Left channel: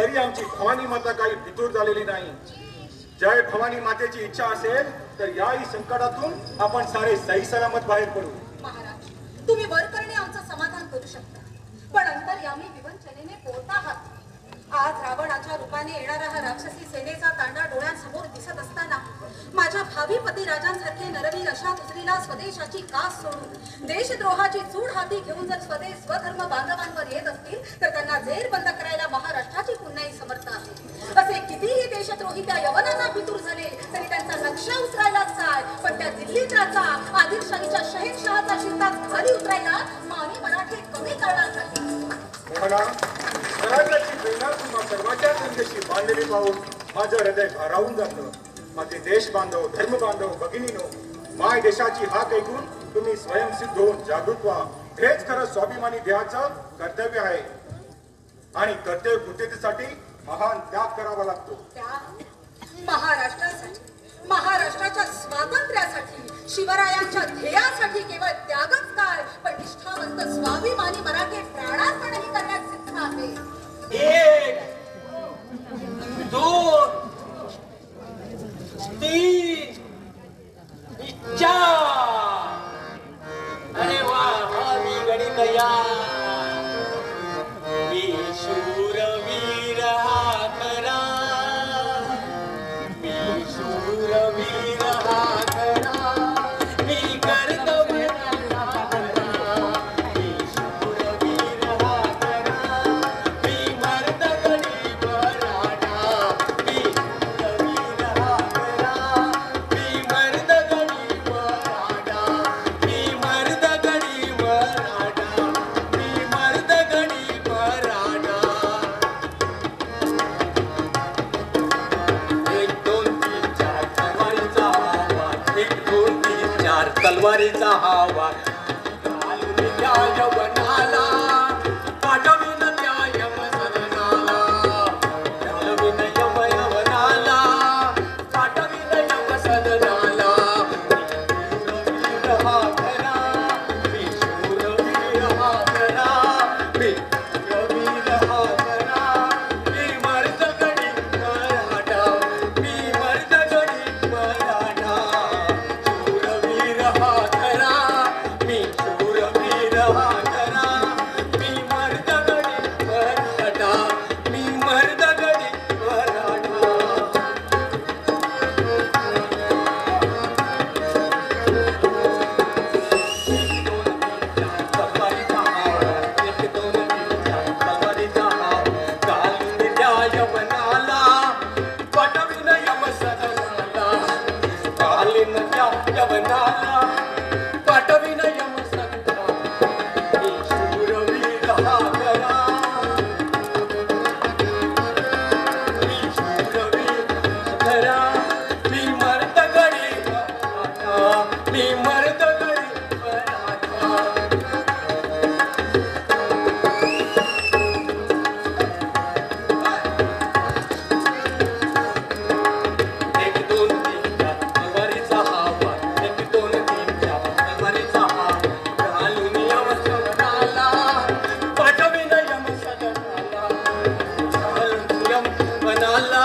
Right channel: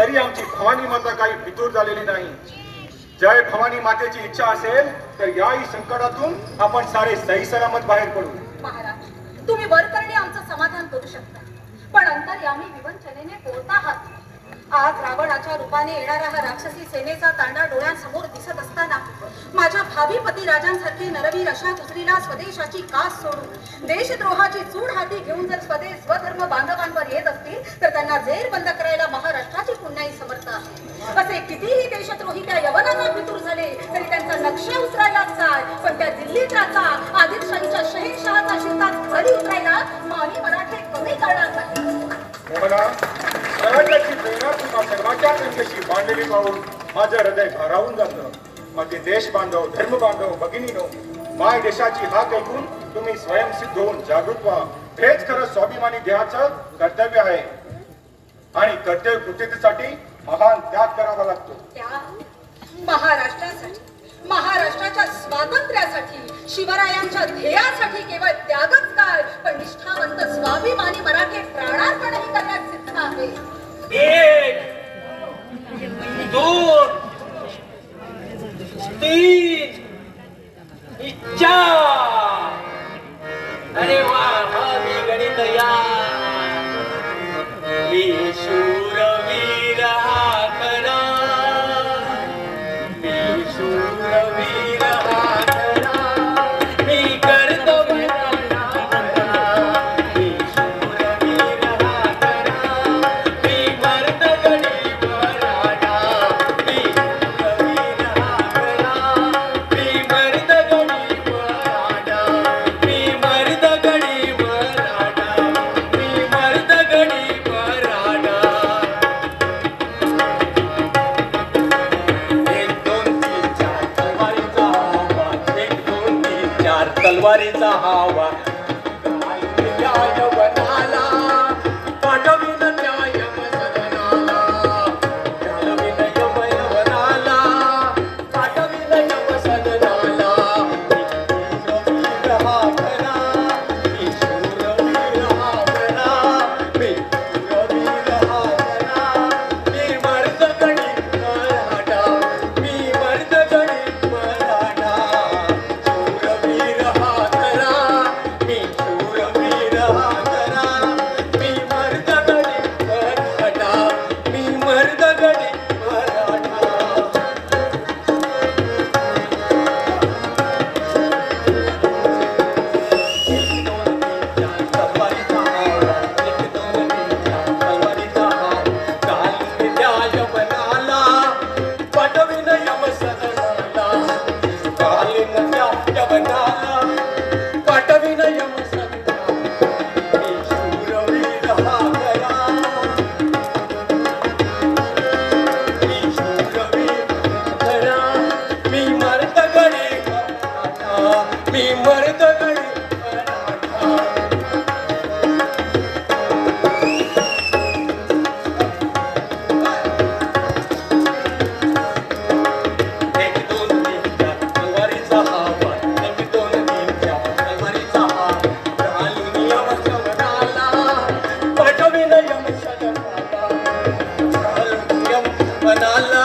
तरी आमची भवानी माता काही फितूर झालेली नाही. जय भवानी मातेची इच्छा असेल तर याही संकटातून आपण सारे सही सलामत बाहेर पडू. महाराज, तुम्ही वर करणे आमचं समाधान करू शकता, पण अंतर्यामी विवंचनेने पोहता आहात. आज रावणाच्या रूपाने येणारा हा राक्षसी सेनेचा तांडा डोळ्यांसमोर दिसत असताना माझ्या भावी पती राजांसारखे नरवीर अशा दुसरीला स्वदेशाची कास सोडून देशद्रोहाची चूड हाती घेऊन जर स्वधर्म बांधवांवर येत असतील तर त्यांना जेरबंद करायला महाराष्ट्राची पुण्याही समर्थ आहे. असे कितीही देशद्रोही त्या यवनांना फितूर झाले तरी त्यांचा नक्षा उतरायलाच काय, पण त्या दिल्लीत राजा आदिलशाहीच्या शहेनशहाचा शिरताच खाली उतरायला मानी मराठे कमी करणार नाही. स्वराज्याची प्रेरणा तुम्हा सर्वांच्या त्यांच्याशी बांधलेली पाहून माझं हृदय भारावून जातं. माझे देश बांधव, धर्म बांधव, भगिनीनो, माय देशाची हाक ऐकून तुम्ही स्वयंसिद्ध होऊन जागृत व्हा. हेच खरं स्वाभिमानी देहाचं कर्तव्य आहे आणि कर्तव्य कृत्यतेसाठी महान त्याग करावा लागतो. महाराष्ट्रासाठी, महाराष्ट्राच्या स्वातंत्र्यासाठी, शिवरायांच्या ध्येयासाठी केवळ त्यागच काय, पण निष्ठावंत स्वाभिमानी मराठे प्राणार्पणही करण्यास सिद्ध आहे. 1 2 3 4. अरे वा, भावी गणित या मी शूरवीर हा खरा, मी शूरवीर हा खरा, मी कर्तव्य मी शूरवीर हा खरा, मी मर्द गणित वराडा, मी शूरवीर हा खरा, मी मर्द गणित वराडा, मी मर्द गणित वराडा, मी मर्द गणित वराडा. 1 2 3 4 तलवारीचा आवाज, 1 2 3 4 तलवारीचा आवाज. न्याय बनाला पाठविन न्याय सदनाला, घालविन यमयवनाला पाठविन यम सदनाला. मी शूरवीर हा खरा, मी शूरवीर हा खरा, मी शूरवीर हा खरा, मी मर्द गणित मराठा, मी मर्द गणित मराठा. शूरवीर हा खरा, मी शूरवीर हा खरा, मी मर्द गणित मराठा, मी मर्द गणित मराठा. मी मर्द गणित मराठा. एक दोन तीन चार तलवारीचा आवाज, 1 2 3 4 तलवारीचा आवाज. घालून यम सदनाला पाठविन यम सदनाला, घालून यमनाला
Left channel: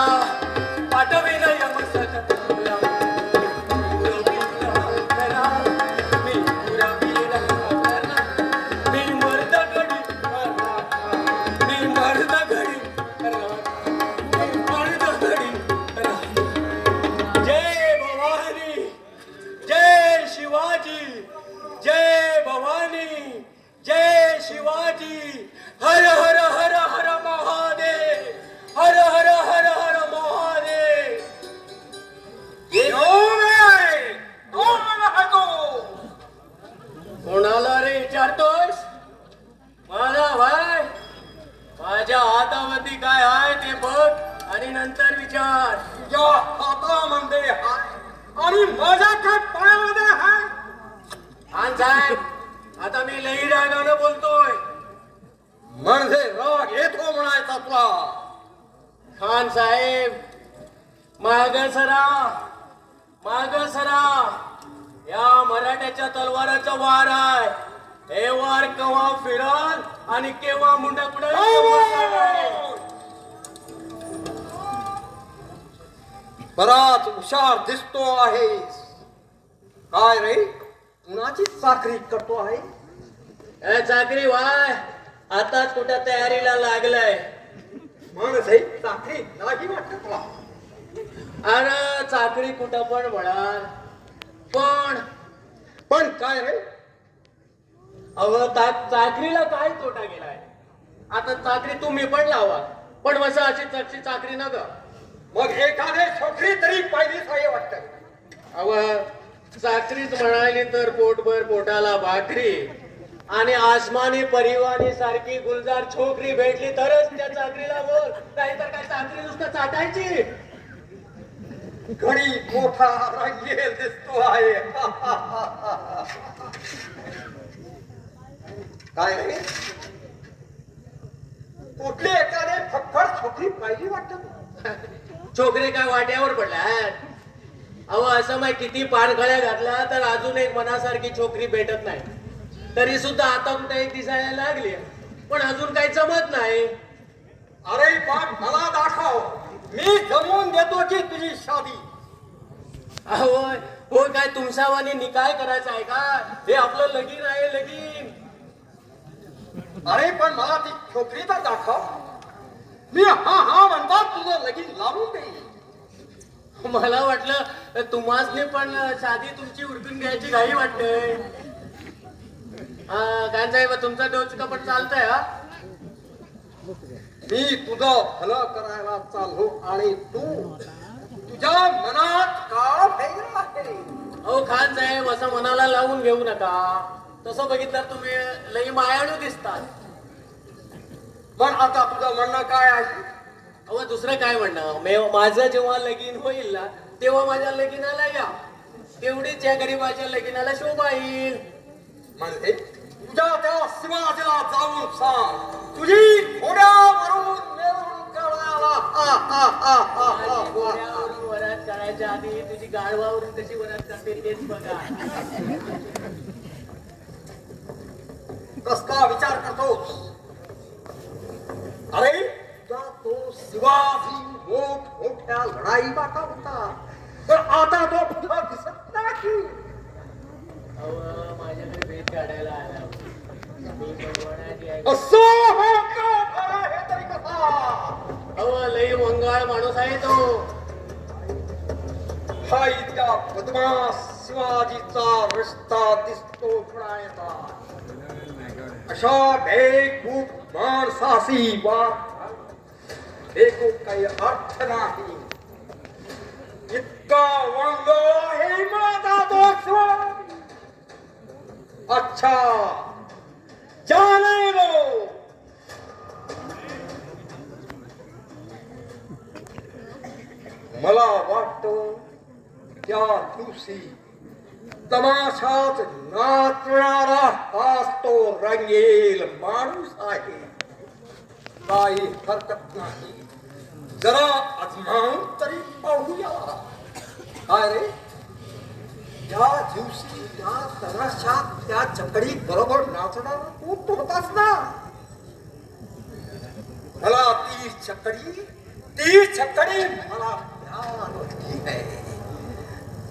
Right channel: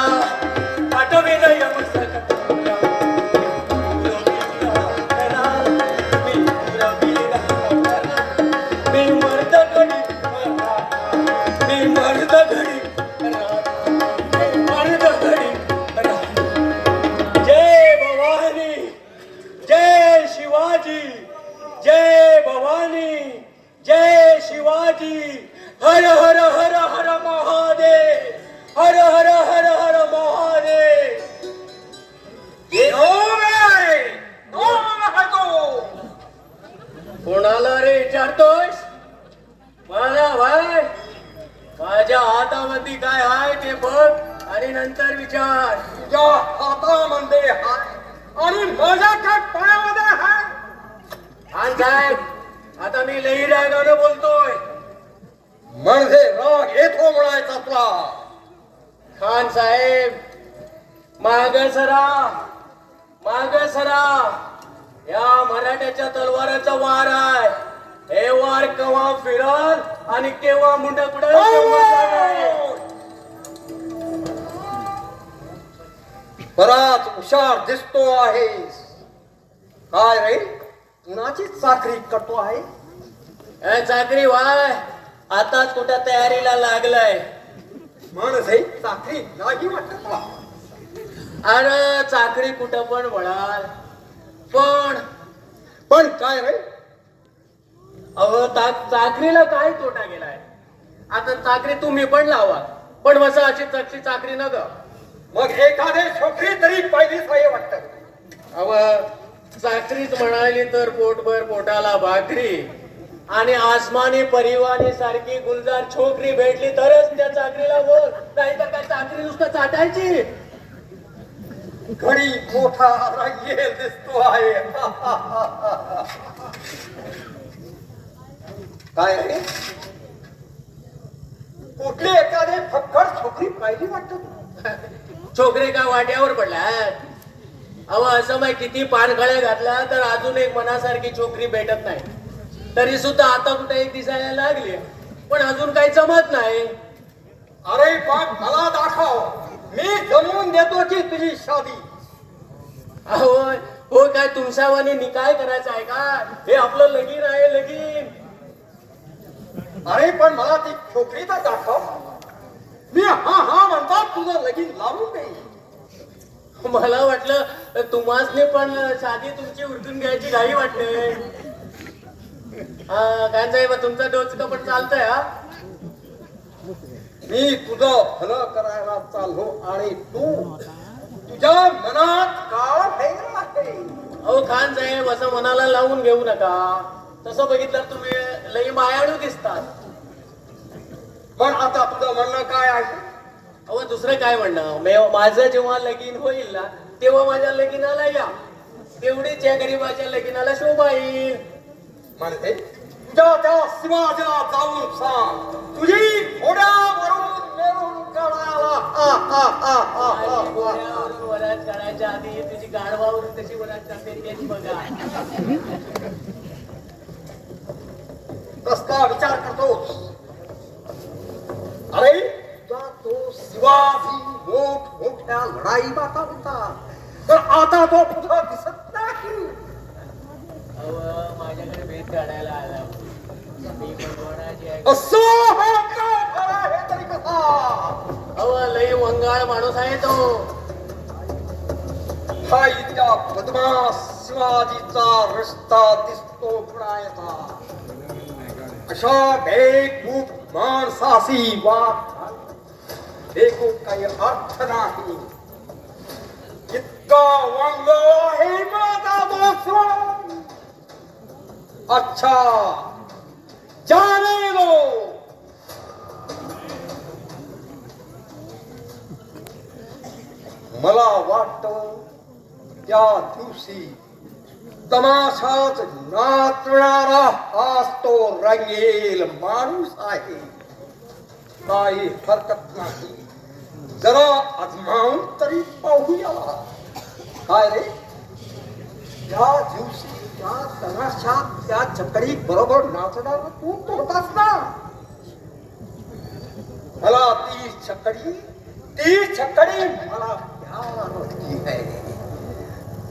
पाठविन यम सदनाला. मी मर्द गणित मराठा, मी मर्द गणित मराठा, मी मर्द गणित मराठा. जय भवानी, जय शिवाजी, जय भवानी, जय शिवाजी. हर हर हर हर महादेव, हर हर हर हर महादेव. कोणाला रे विचारतोस? मला भाई, माझ्या हातावरती काय आहे ते बघ आणि नंतर विचार. तुझ्या हातामध्ये हाय आणि माझ्या काय पायामध्ये हाय. खान साहेब, आता मी लई रागाने बोलतोय. म्हणजे राग येतो म्हणायचा तुला. खान साहेब, माग सरा, माग सरा. या मराठ्याच्या तलवाराचा वार आहे. हे वार केव्हा फिरल आणि केव्हा मुंड पुढे. बराच हुशार दिसतो आहेस. काय रे, कुणाची चाकरी करतो आहे? चाकरी वाय आताच कुठं तयारीला लागलाय. माणूस आहे चाकरी नाही वाटत मला. अरे चाकरी कुठं पण म्हणा, पण काय रे? अहो चाकरीला काय तोटा गेलाय? आता चाकरी तुम्ही पण लावा, पण मसा अशी चाकरी न ग. मग एखादे छोकरी तरी पाहिलीच आहे वाटत. अव चाकरीच म्हणाली तर पोटभर पोटाला भाकरी आणि आसमानी परिवानी सारखी गुलजार छोकरी भेटली तरच त्या चाकरीला बोल, नाही तर काय चाकरी नुसतं चाटायची. घडी मोठा रंगेल दिसतो आहे. काय रे, कुठली एखादे फक्कड छोकरी पाहिली वाटत. छोकरी काय वाट्यावर पडल्यात? अहो असं माहिती किती पानखळ्या घातल्या तर अजून एक मनासारखी छोकरी भेटत नाही. तरी सुद्धा आता कुठे एक दिसायला लागली, पण अजून काही जमत नाही. अरे बाप, मला दाखव, मी जमवून देतो की तुझी शादी. अहो हो काय तुमच्यावानी निकाय करायचा आहे का? हे आपलं लगीन आहे, लगीन. अरे पण मला ती छोकरी तर दाखव. मी हा म्हणतात तुझं लगीन लावून देईल. मला वाटलं तुम्हासने पण शादी तुमची उरकून घ्यायची घाई वाटते. काय साहेब तुमचा डोचका पण चालतंय. हा मी तुझं भलं करायला चाललो आणि तू तुझ्या मनात काळ फेरला आहे. अहो खान साहेब असं मनाला लावून घेऊ नका. तसं बघितलं तुम्ही लई मायाळू दिसतात. पण आता तुझं म्हणणं काय आहे? अहो दुसरं काय म्हणणं, माझं जेव्हा लगीन होईल ना तेव्हा माझ्या लगीनाला या. तेवढीच या गरीबाच्या लगीनाला शोभा येईल. म्हणजे तुझ्या त्या शिवाजीला जाऊन सांग तुझी घोड्यावरून मिळून काढायला. माझी घोड्यावरून वरात काढायच्या आधी तुझी गाढवावरून कशी वरात काढते तेच बघा. कस का विचार करतोस? अरे तुझा तो शिवाजी मोठ्या लढाई माता होता, तर आता तो तुझा दिसत नाही. अहो माझ्याकडे भेद काढायला आला. मी भगवानाची आहे. असं हे का बरं, हे तरी कसा? अहो लई मंगाळ माणूस आहे तो. हा इतका बदमाश शिवाजीचा रस्ता दिसतो कुणाचा? अशा बेकूफ माणसाशी वाद बेकूफ काही अर्थ नाही. इतका वांग आहे माझा दोस्त. अच्छा जाने दो. मला वाटतं त्या दिवशी तमाशाच नाचणारा हाच तो रंगेल माणूस आहे. काही हरकत नाही, जरा आजमावून तरी पाहूया. काय रे, त्या दिवशी त्या तमाशात त्या चकडी बरोबर नाचणार तू होतास ना? मला ती चकडी मला प्यार होती है.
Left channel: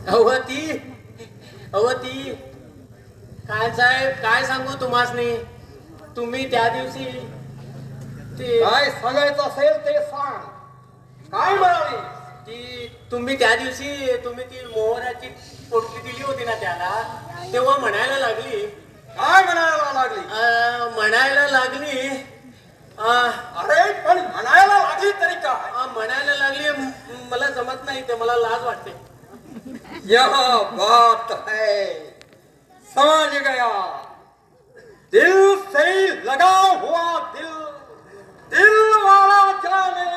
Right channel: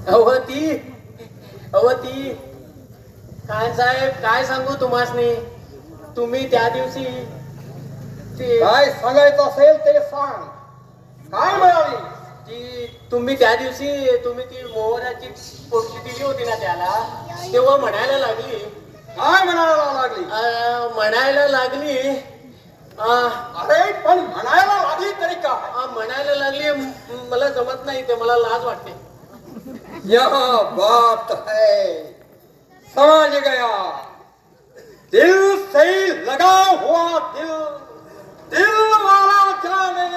अहो ती काय साहेब काय सांगू तुम्हासनी. तुम्ही त्या दिवशी ते काय सांगायचं असेल ते सांग. काय म्हणाली? ती तुम्ही त्या दिवशी तुम्ही ती मोहराची पोटली दिली होती ना त्याला, तेव्हा म्हणायला लागली. काय म्हणायला लागली? म्हणायला लागली अरे पण म्हणायला लागली तरी काय? म्हणायला लागली मला जमत नाही ते, मला लाज वाटते. यह बात है, समझ गया. दिल से लगा हुआ दिल वाला जाने.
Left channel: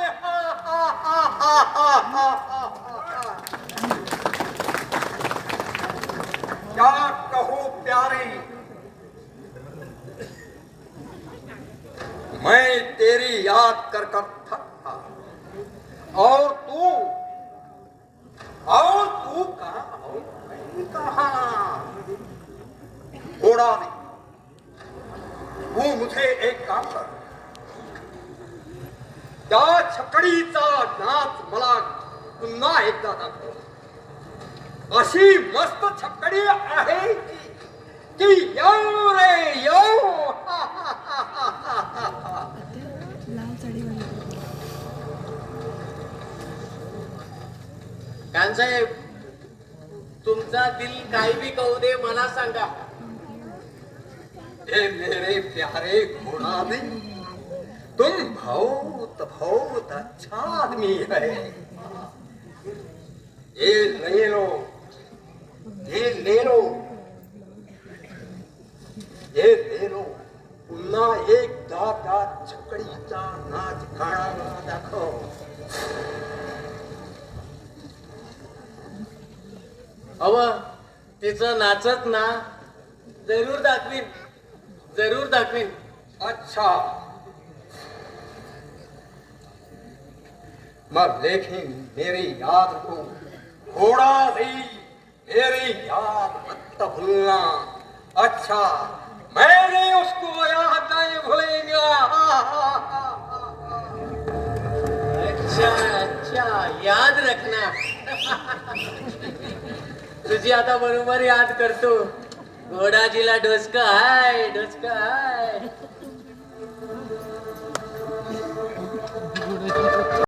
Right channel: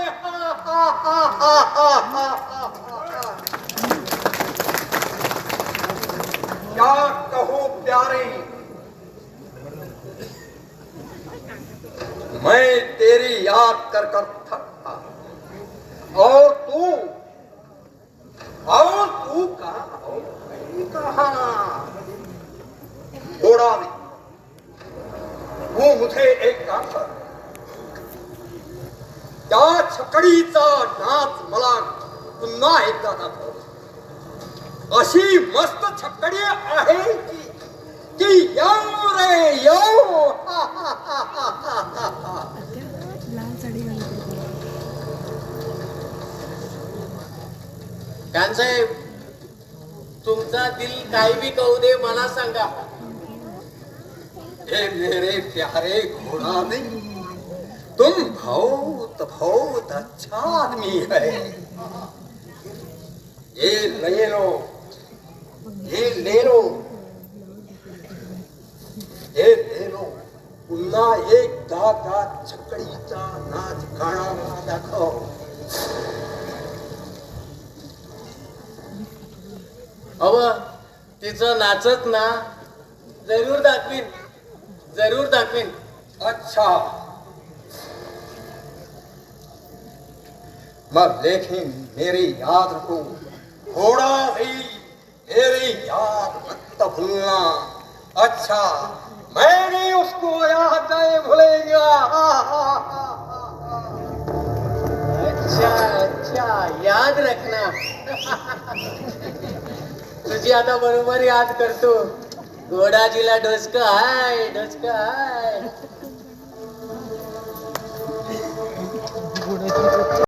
क्या कहूं प्यारे, मैं तेरी याद कर थका. और तू कहाँ? घोड़ा भी. तू मुझे एक काम कर, त्या छकडीचा नाच मला पुन्हा एकदा दाखव अशी मस्त छकडी आहे की येऊ रे येऊ कानसाहेब तुमचा दिल काही बी कहू दे मला सांगा. ए मेरे प्यारे घोड़ा नहीं तुम बहुत बहुत अच्छा आदमी है. ये ले लो ये ले लो ये ले लो पुन्हा एकदा त्या छकडीचा नाच गाणा दाखव. अव तिचं नाचत ना जरूर दाखवीन जरूर दाखवीन. अच्छा मग लेकिन मेरी याद को थोड़ा नहीं मेरी याद मत भूलना. अच्छा मैंने उसको याद नहीं भूलेंगे. अच्छा अच्छा याद रखना. तुझी आता बरोबर याद करतो. घोडाजीला डोसकं हाय डोसकं हाय.